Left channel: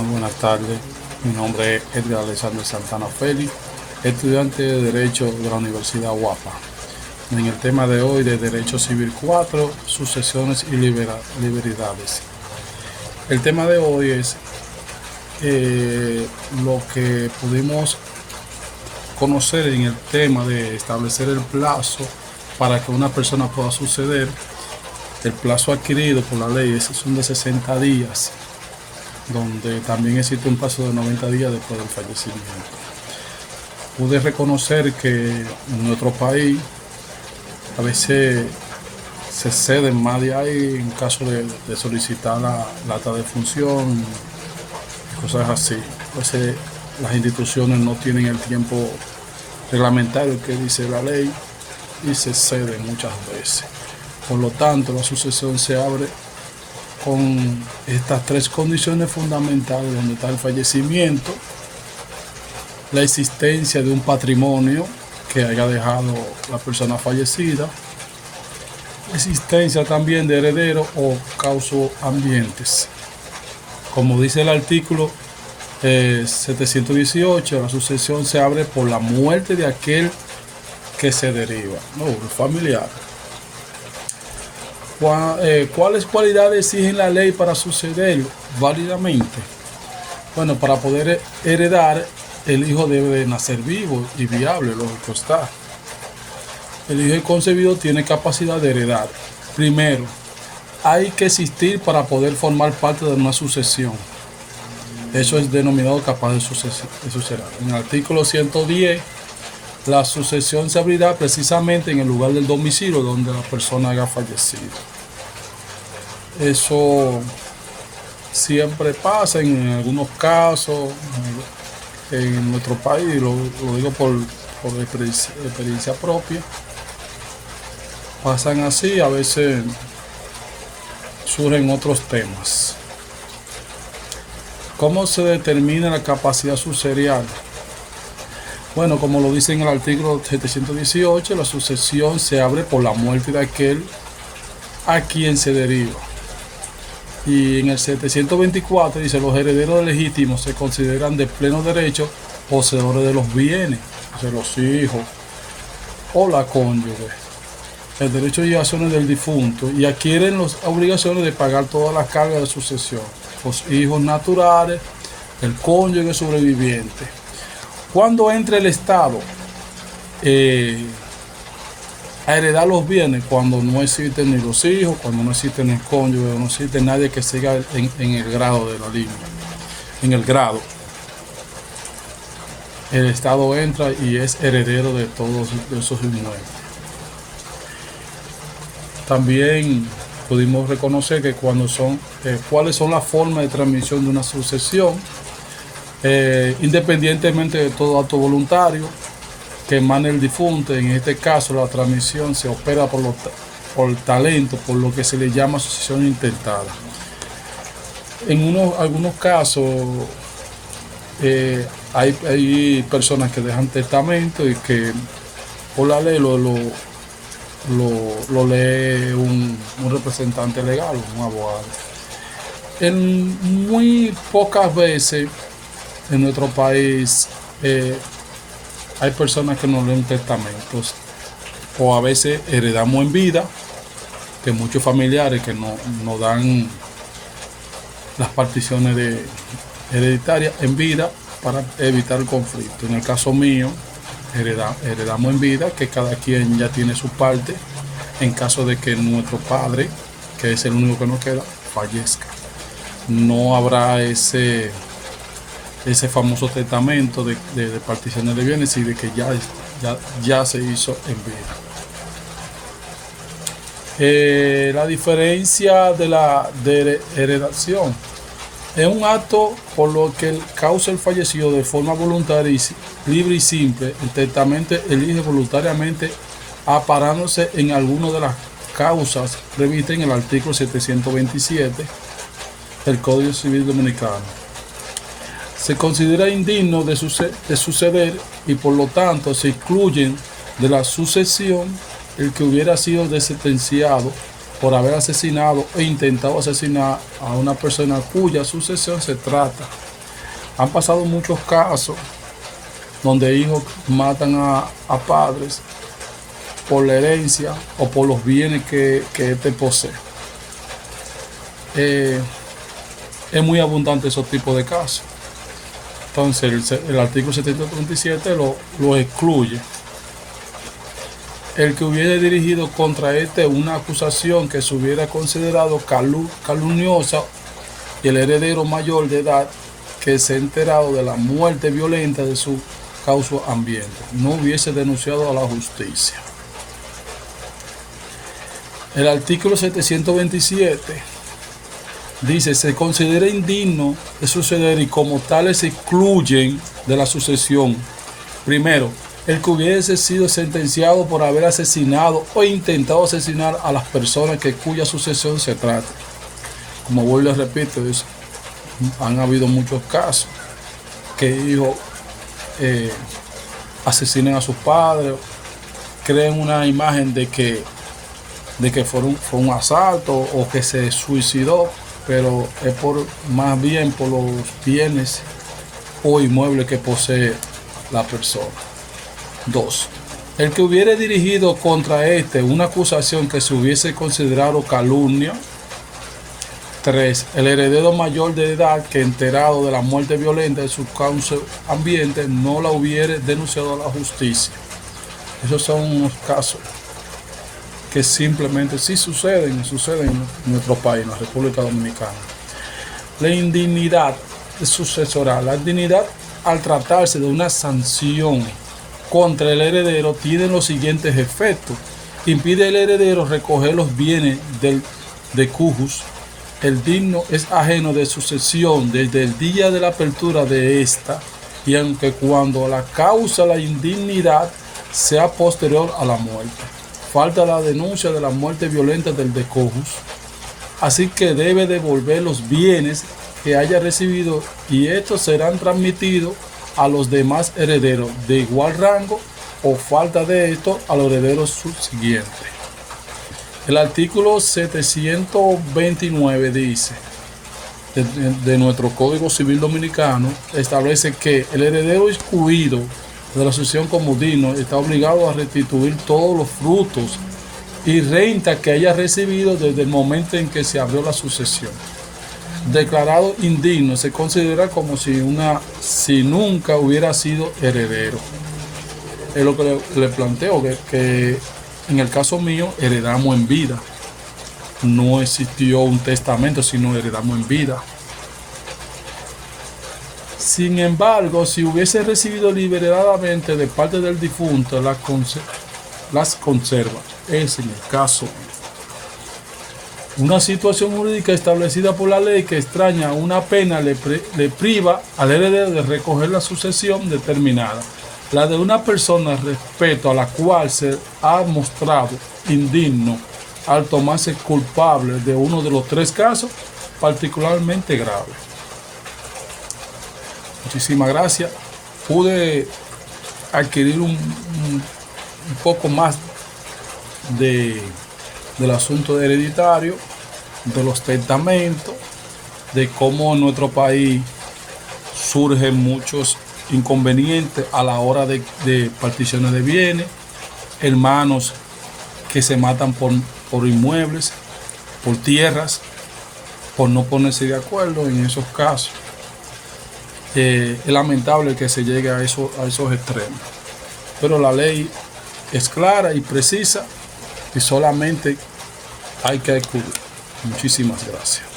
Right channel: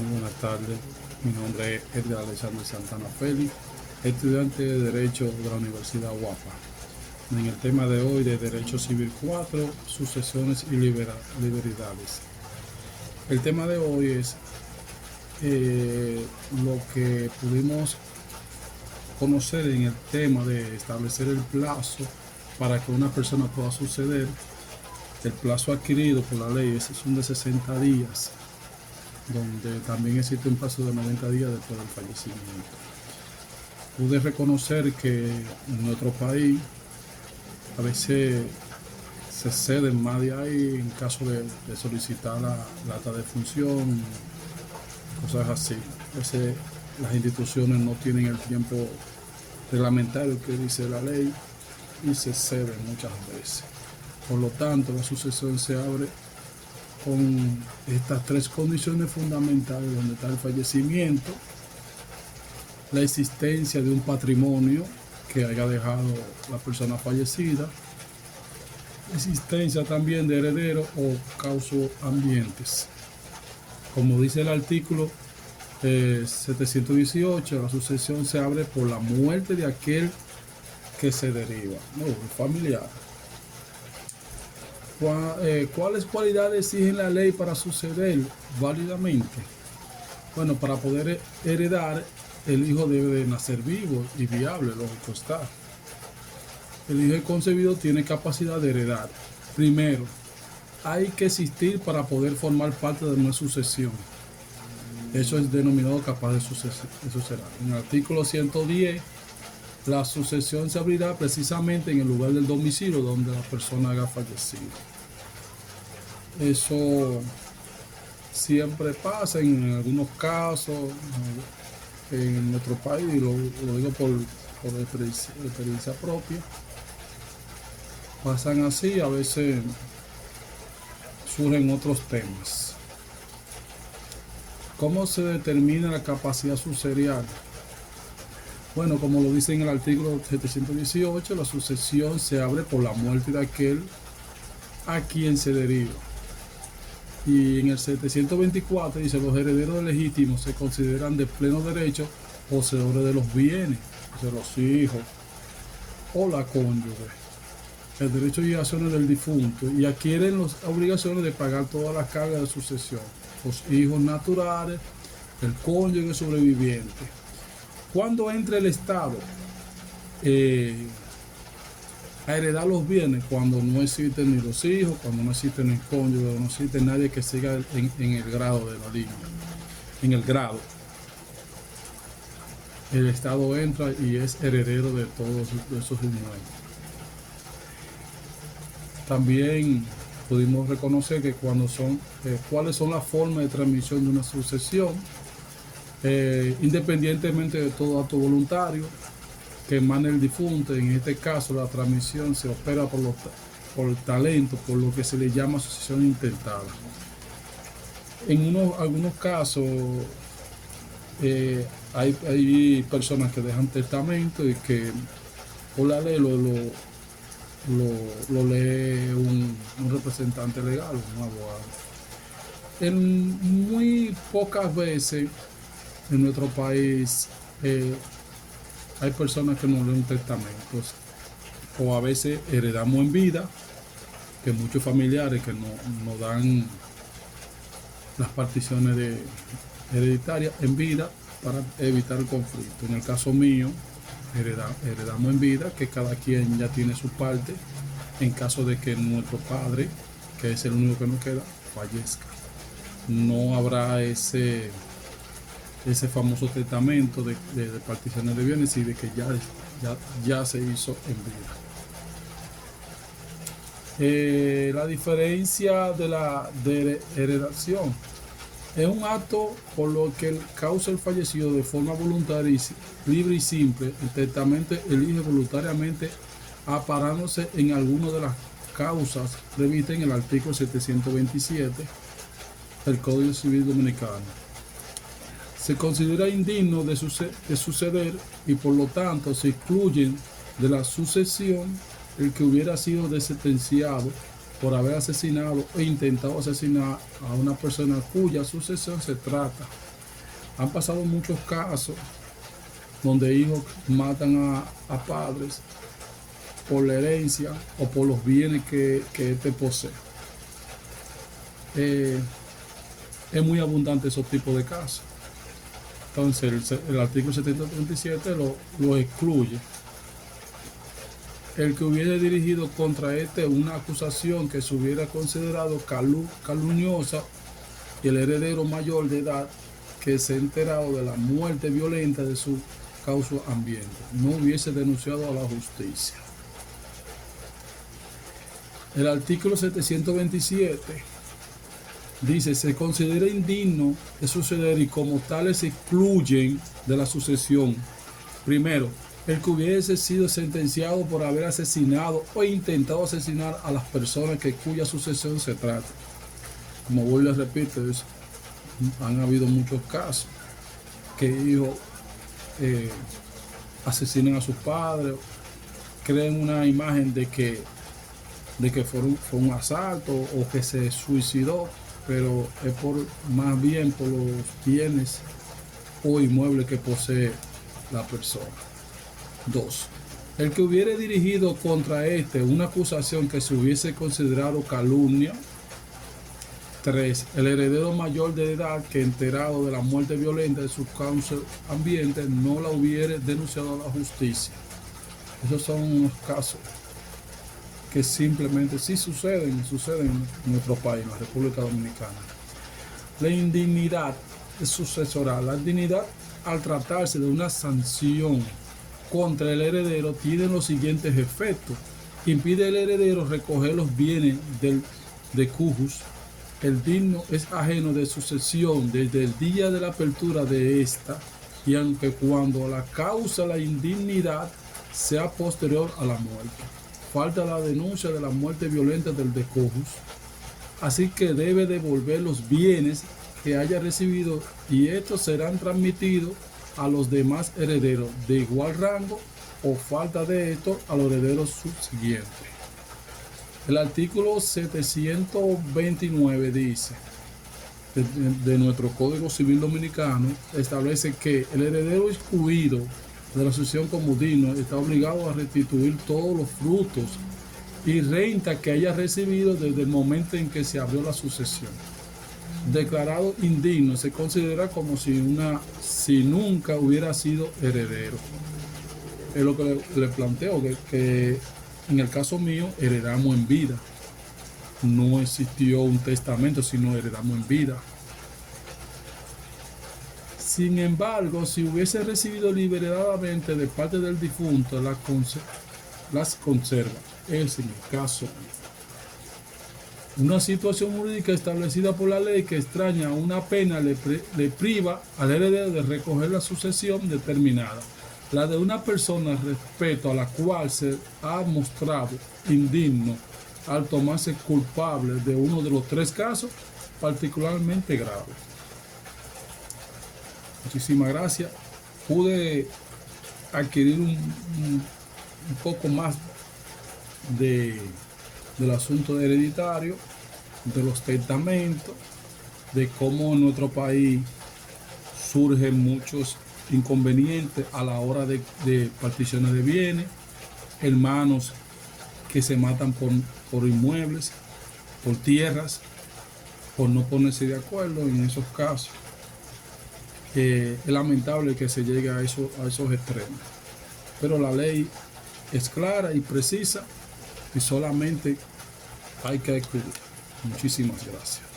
Muy buenas tardes. Mi nombre es Edgar Alexander Santana Félix, estudiante de Derecho de la Universidad UAPA. En el tema de hoy de Derecho Civil 4, sucesiones y liberalidades. El tema de hoy es lo que pudimos conocer en el tema de establecer el plazo para que una persona pueda suceder. El plazo adquirido por la ley son de 60 días, donde también existe un plazo de 90 días después del fallecimiento. Pude reconocer que en nuestro país a veces se ceden más de ahí en caso de solicitar la acta de función, cosas así. Entonces las instituciones no tienen el tiempo reglamentario que dice la ley y se ceden muchas veces. Por lo tanto, la sucesión se abre con estas tres condiciones fundamentales, donde está el fallecimiento, la existencia de un patrimonio que haya dejado la persona fallecida, existencia también de herederos o causoambientes. Como dice el artículo 718, la sucesión se abre por la muerte de aquel que se deriva, no, el familiar. ¿Cuáles cualidades exigen la ley para suceder válidamente? Bueno, para poder heredar, el hijo debe de nacer vivo y viable, lógico está. El hijo concebido tiene capacidad de heredar. Primero, hay que existir para poder formar parte de una sucesión. Eso es denominado capaz de suceder. En el artículo 110, la sucesión se abrirá precisamente en el lugar del domicilio donde la persona haya fallecido. Eso siempre pasa en algunos casos en nuestro país, lo digo por experiencia propia. Pasan así, a veces surgen otros temas. ¿Cómo se determina la capacidad sucesorial? Bueno, como lo dice en el artículo 718, la sucesión se abre por la muerte de aquel a quien se deriva. Y en el 724 dice: los herederos legítimos se consideran de pleno derecho poseedores de los bienes, o sea, los hijos o la cónyuge, el derecho y acciones del difunto, y adquieren las obligaciones de pagar todas las cargas de sucesión, los hijos naturales, el cónyuge sobreviviente. Cuando entra el Estado a heredar los bienes, cuando no existen ni los hijos, cuando no existen el cónyuge, no existe nadie que siga en el grado de la línea, en el grado. El Estado entra y es heredero de todos esos inmuebles. También pudimos reconocer que cuáles son las formas de transmisión de una sucesión, independientemente de todo acto voluntario que emane el difunto. En este caso, la transmisión se opera por talento, por lo que se le llama sucesión intentada. En algunos casos hay personas que dejan testamento y que por la ley lo lee un representante legal, un abogado. En muy pocas veces en nuestro país hay personas que no leen testamentos, o a veces heredamos en vida, que muchos familiares que no dan las particiones hereditarias en vida para evitar el conflicto. En el caso mío, heredamos en vida, que cada quien ya tiene su parte en caso de que nuestro padre, que es el único que nos queda, fallezca. No habrá ese famoso testamento de particiones de bienes, y de que ya se hizo en vida. La diferencia de heredación es un acto por lo que causa el fallecido de forma voluntaria, libre y simple. El testamento elige voluntariamente aparándose en alguna de las causas previstas en el artículo 727 del Código Civil Dominicano. Se considera indigno de suceder y por lo tanto se excluyen de la sucesión el que hubiera sido sentenciado por haber asesinado e intentado asesinar a una persona cuya sucesión se trata Han pasado muchos casos donde hijos matan a padres por la herencia o por los bienes que éste posee. Es muy abundante esos tipos de casos. Entonces el artículo 737 lo excluye. El que hubiera dirigido contra una acusación que se hubiera considerado calumniosa y el heredero mayor de edad que se ha enterado de la muerte violenta de su causa ambiente no hubiese denunciado a la justicia. El artículo 727 dice: se considera indigno de suceder y como tales se excluyen de la sucesión. Primero, el que hubiese sido sentenciado por haber asesinado o intentado asesinar a las personas cuya sucesión se trata. Como vuelvo y repito, han habido muchos casos que hijos asesinen a sus padres, creen una imagen de que fue un asalto o que se suicidó, pero es más bien por los bienes o inmuebles que posee la persona. 2. El que hubiere dirigido contra una acusación que se hubiese considerado calumnia. 3. El heredero mayor de edad que, enterado de la muerte violenta de su causa ambiente, no la hubiere denunciado a la justicia. Esos son unos casos que simplemente sí suceden en nuestro país, en la República Dominicana. La indignidad sucesoral. La indignidad, al tratarse de una sanción contra el heredero, tiene los siguientes efectos. Impide al heredero recoger los bienes de cujus. El digno es ajeno de sucesión desde el día de la apertura de esta, y aunque cuando la causa la indignidad sea posterior a la muerte. Falta la denuncia de la muerte violenta del de cujus, así que debe devolver los bienes que haya recibido, y estos serán transmitidos a los demás herederos de igual rango, o falta de esto a los herederos subsiguientes. El artículo 729 dice de nuestro Código Civil Dominicano, establece que el heredero excluido de la sucesión como digno está obligado a restituir todos los frutos y renta que haya recibido desde el momento en que se abrió la sucesión. Declarado indigno se considera como si nunca hubiera sido heredero. Es lo que le planteo, que en el caso mío heredamos en vida. No existió un testamento, sino heredamos en vida. Sin embargo, si hubiese recibido liberadamente de parte del difunto, las conserva. Es en el caso una situación jurídica establecida por la ley que extraña una pena le priva al heredero de recoger la sucesión determinada, la de una persona respecto a la cual se ha mostrado indigno al tomarse culpable de uno de los 3 casos particularmente graves. Muchísimas gracias. Pude adquirir un poco más del asunto hereditario, de los testamentos, de cómo en nuestro país surgen muchos inconvenientes a la hora de particiones de bienes, hermanos que se matan por inmuebles, por tierras, por no ponerse de acuerdo en esos casos. Es lamentable que se llegue a esos extremos, pero la ley es clara y precisa y solamente hay que acudir. Muchísimas gracias.